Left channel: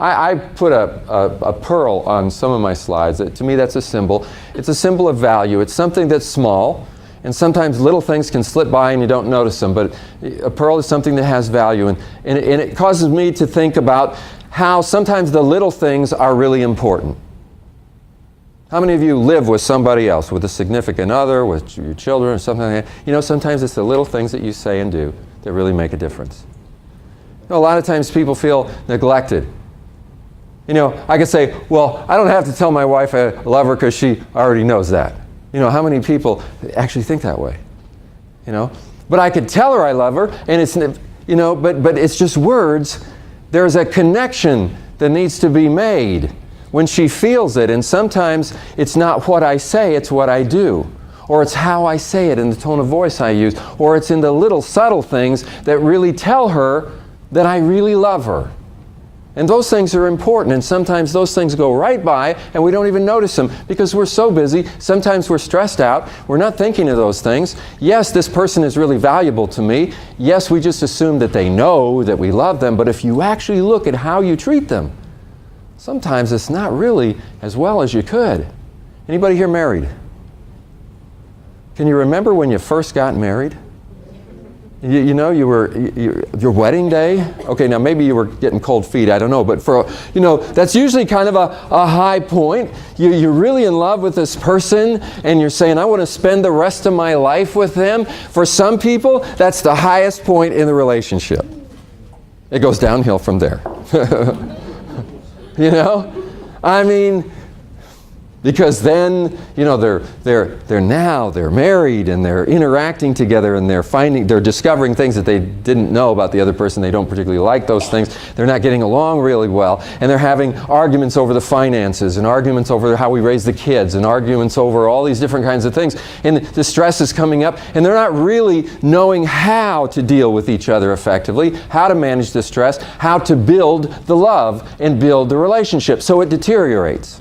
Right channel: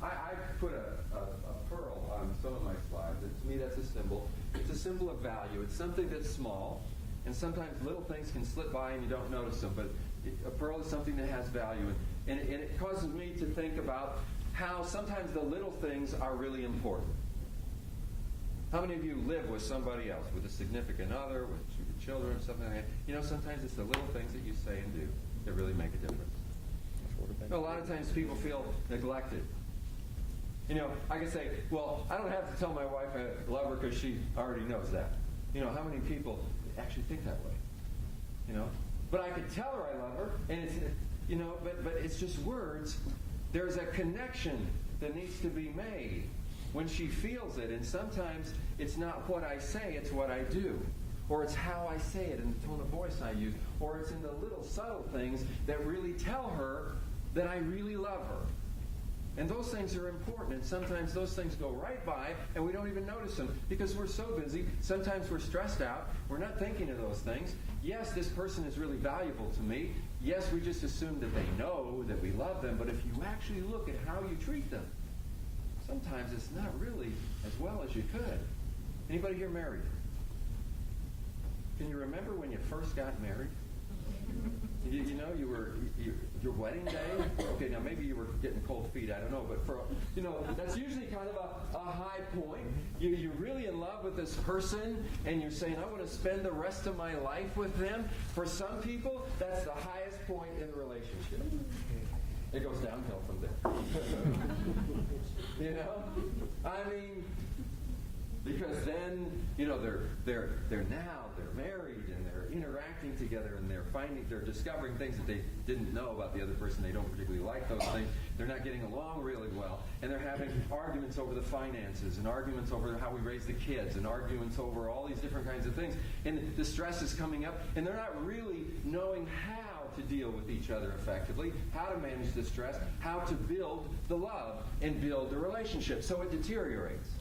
I put a pearl on some of my slides. To me, that's a symbol. It's a symbol of value. It's something that's small, and sometimes little things can slip by and you don't notice them, but a pearl is something that has value, and it causes me to think about how sometimes the little things are really important. How many of you live with somebody else, with a significant other, with your children, or something like that? You know, sometimes it's the little things that you say and do that really make a difference. You know, a lot of times people feel neglected. You know, I could say, well, I don't have to tell my wife I love her because she already knows that. You know, how many people actually think that way? You know, but I could tell her I love her, and it's, you know, but it's just words. There's a connection that needs to be made when she feels it, and sometimes it's not what I say, it's what I do. Or it's how I say it and the tone of voice I use. Or it's in the little subtle things that really tell her that I really love her. And those things are important, and sometimes those things go right by and we don't even notice them because we're so busy. Sometimes we're stressed out. We're not thinking of those things. Yes, this person is really valuable to me. Yes, we just assume that they know that we love them, but if you actually look at how you treat them, sometimes it's not really as well as you could. Anybody here married? Can you remember when you first got married? You know, your wedding day? Okay, now maybe you were getting cold feet, I don't know, but you know, that's usually kind of a high point. You're really in love with this person, and you're saying, I want to spend the rest of my life with them. For some people, that's the highest point in the relationship. It goes downhill from there. You know? I mean, because then, you know, they're married and they're interacting together and they're discovering things that they didn't know about the other person. They don't particularly like those things. They're not getting along really well, and they're having arguments over the finances and arguments over how we raise the kids and arguments over all these different kinds of things. And the stress is coming up, and they're not really knowing how to deal with each other effectively, how to manage the stress, how to build the love and build the relationship. So it deteriorates.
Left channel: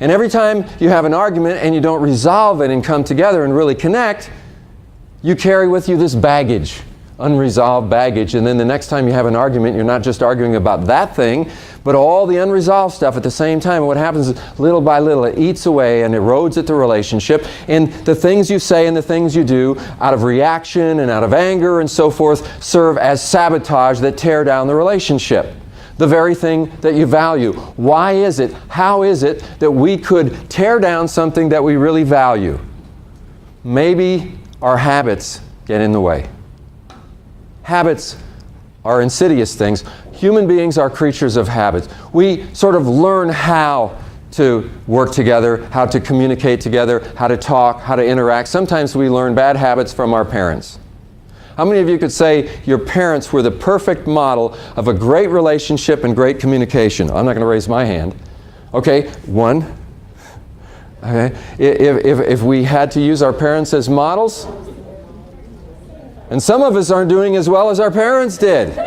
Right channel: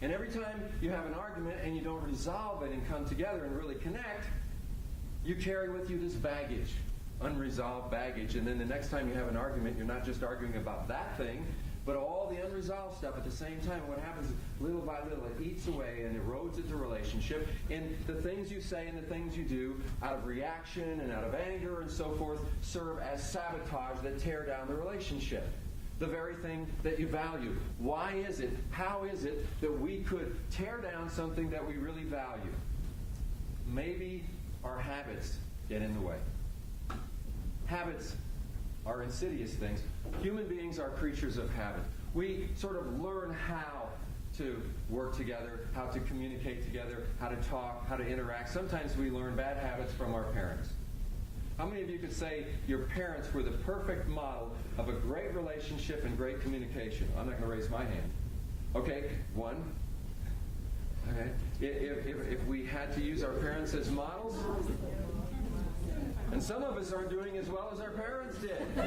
And every time you have an argument and you don't resolve it and come together and really connect, you carry with you this baggage, unresolved baggage. And then the next time you have an argument, you're not just arguing about that thing, but all the unresolved stuff at the same time. And what happens is, little by little, it eats away and erodes at the relationship. And the things you say and the things you do out of reaction and out of anger and so forth serve as sabotage that tear down the relationship. The very thing that you value. Why is it, how is it that we could tear down something that we really value? Maybe our habits get in the way. Habits are insidious things. Human beings are creatures of habits. We sort of learn how to work together, how to communicate together, how to talk, how to interact. Sometimes we learn bad habits from our parents. How many of you could say your parents were the perfect model of a great relationship and great communication? I'm not going to raise my hand. Okay, one. Okay, if we had to use our parents as models, and some of us aren't doing as well as our parents did.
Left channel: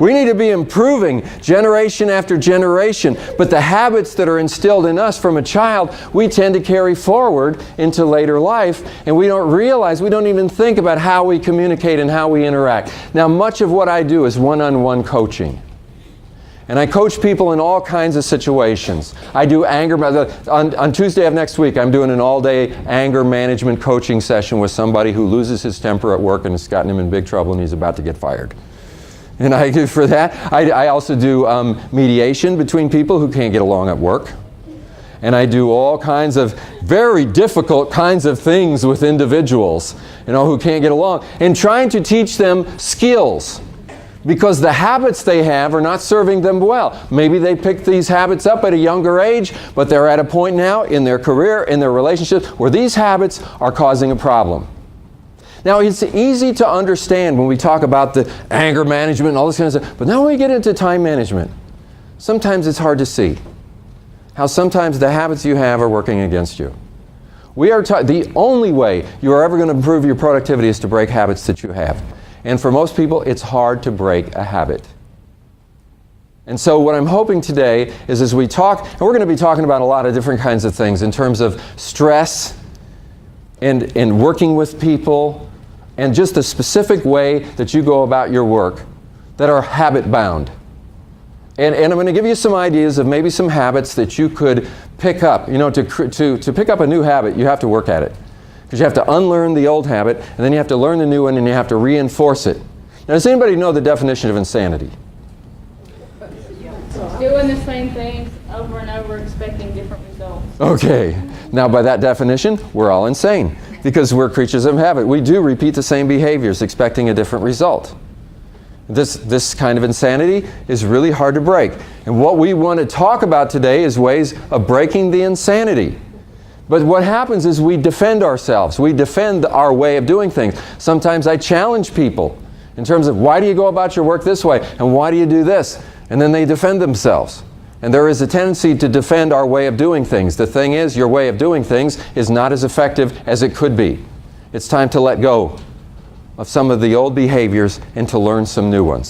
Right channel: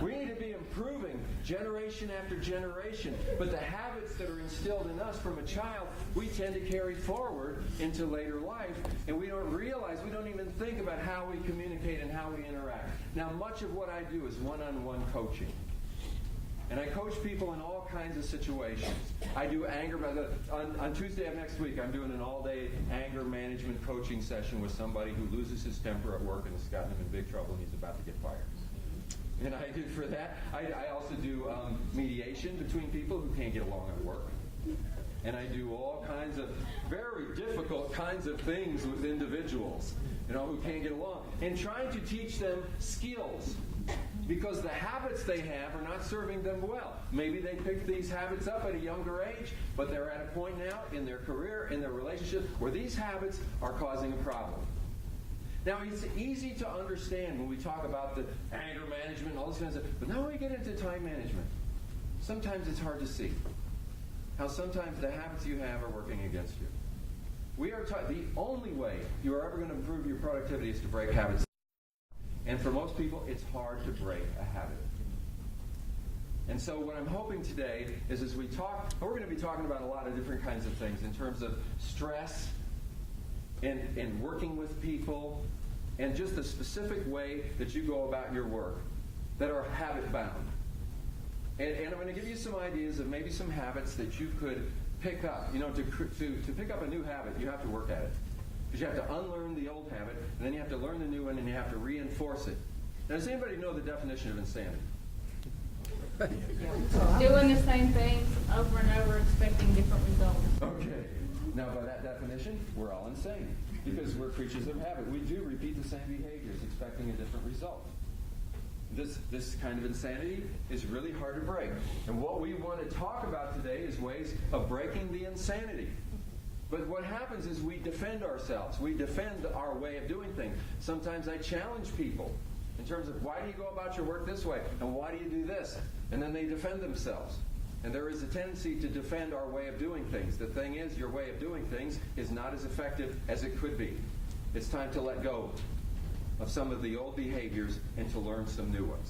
We need to be improving generation after generation, but the habits that are instilled in us from a child, we tend to carry forward into later life, and we don't realize, we don't even think about how we communicate and how we interact. Now, much of what I do is one-on-one coaching. And I coach people in all kinds of situations. I do anger, on Tuesday of next week, I'm doing an all-day anger management coaching session with somebody who loses his temper at work and it's gotten him in big trouble and he's about to get fired. And I do for that. I also do mediation between people who can't get along at work. And I do all kinds of very difficult kinds of things with individuals, you know, who can't get along. And trying to teach them skills. Because the habits they have are not serving them well. Maybe they picked these habits up at a younger age, but they're at a point now in their career, in their relationships, where these habits are causing a problem. Now, it's easy to understand when we talk about the anger management and all this kind of stuff, but now when we get into time management, sometimes it's hard to see how sometimes the habits you have are working against you. The only way you're ever going to improve your productivity is to break habits that you have. And for most people, it's hard to break a habit. And so what I'm hoping today is, as we talk, and we're going to be talking about a lot of different kinds of things in terms of stress and working with people, and just the specific way that you go about your work that are habit bound. And I'm going to give you some ideas of maybe some habits that you could pick up. You know, to pick up a new habit, you have to work at it. Because you have to unlearn the old habit, and then you have to learn the new one, and you have to reinforce it. Now, does anybody know the definition of insanity? Doing the same things over and over, expecting different results. Okay. Now, by that definition, we're all insane. Because we're creatures of habit. We do repeat the same behaviors, expecting a different result. This kind of insanity is really hard to break. And what we want to talk about today is ways of breaking the insanity. But what happens is we defend ourselves. We defend our way of doing things. Sometimes I challenge people in terms of, why do you go about your work this way? And why do you do this? And then they defend themselves. And there is a tendency to defend our way of doing things. The thing is, your way of doing things is not as effective as it could be. It's time to let go of some of the old behaviors and to learn some new ones.